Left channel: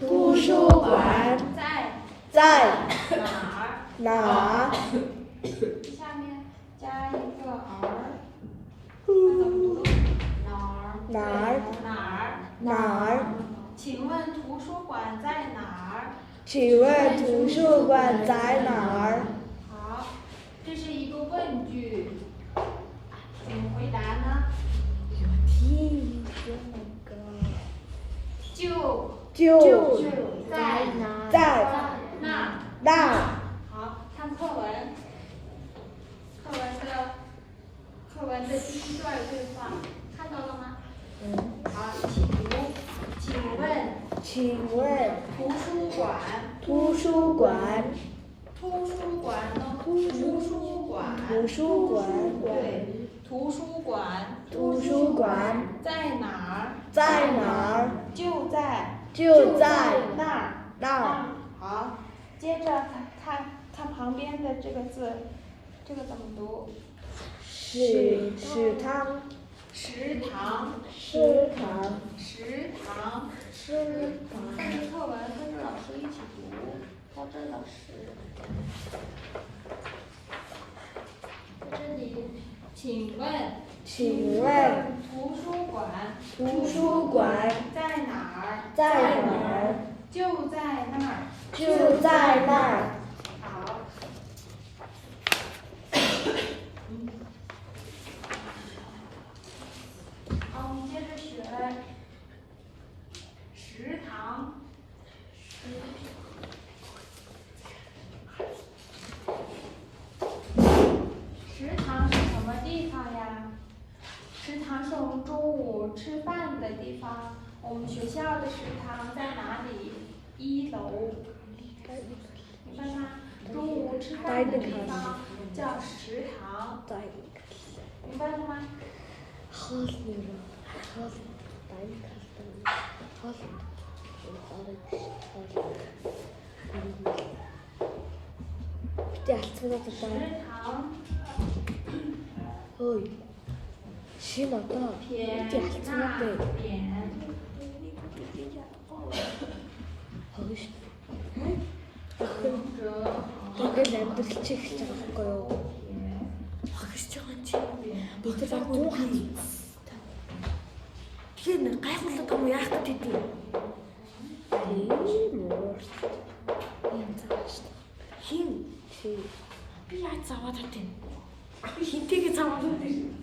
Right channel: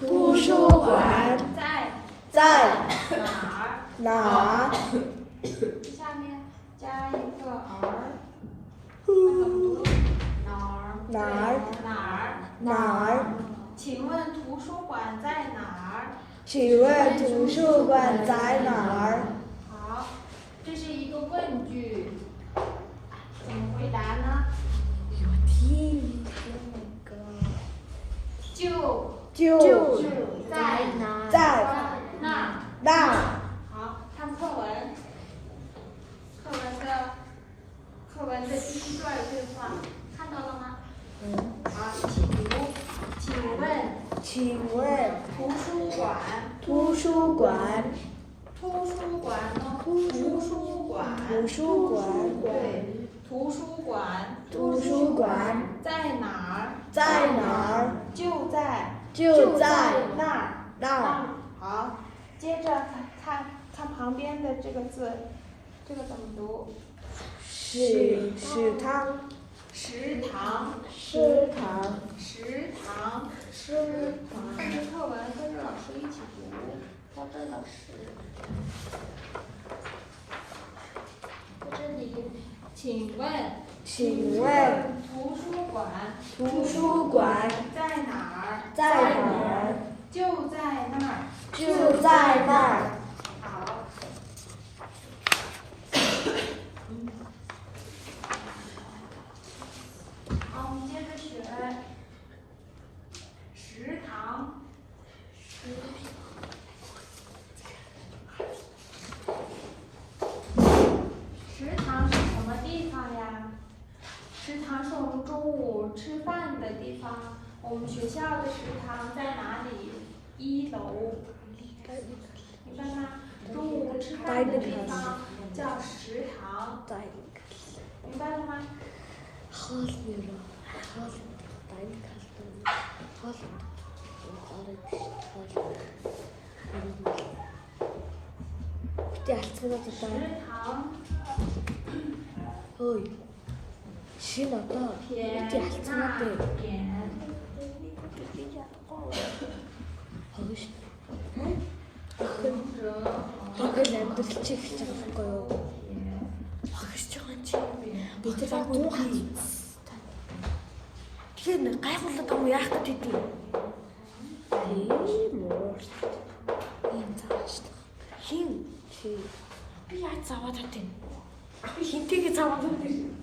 图书馆在哪儿？下面加一个儿，那怎么读？哪儿？请问图书馆在哪儿？请问图书馆在哪儿？好，这是一个问句，怎么回答呢？就在那儿。好，看课文。课文的第一段对话，看到了吗？好，请问图书馆呢？图书馆。对，图书馆在哪儿？就在那儿。好，接着看旁边的这个字，这个怎么读？食堂。这个课文跟着老师一起读，到这老师。在这里，请问图书馆在哪儿？就在那儿。好。好，我们接着学食堂。食堂是什么地方呀？食堂是我们中午吃饭的地方。我们学校的食堂在哪里？1楼。你看看，中午吃饭的地方叫食堂，明白了吗？食堂。撇捺点。Тэн гайхуулаад юм яах гэж хэдий. Хин би яаж заваад хатэн. Хинтэйгээ заваад хатэн.